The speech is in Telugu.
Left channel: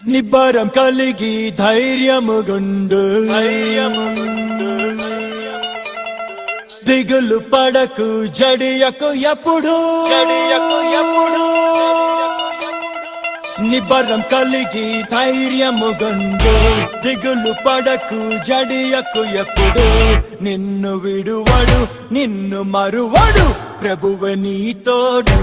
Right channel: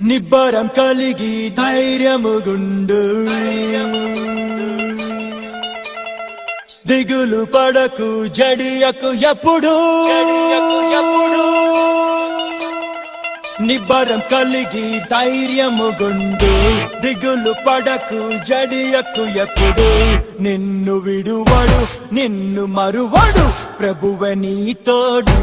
నిబ్బరం కలిగి ధైర్యముగుండు దిగులు పడకు జడియకు ఎప్పుడు నిబ్బరం కలిగి ధైర్యముగుండు దిగులు పడకు జడియకు ఎప్పుడు నిన్ను విడువడు నిన్ను మరువడు ప్రభువే నీ తోడు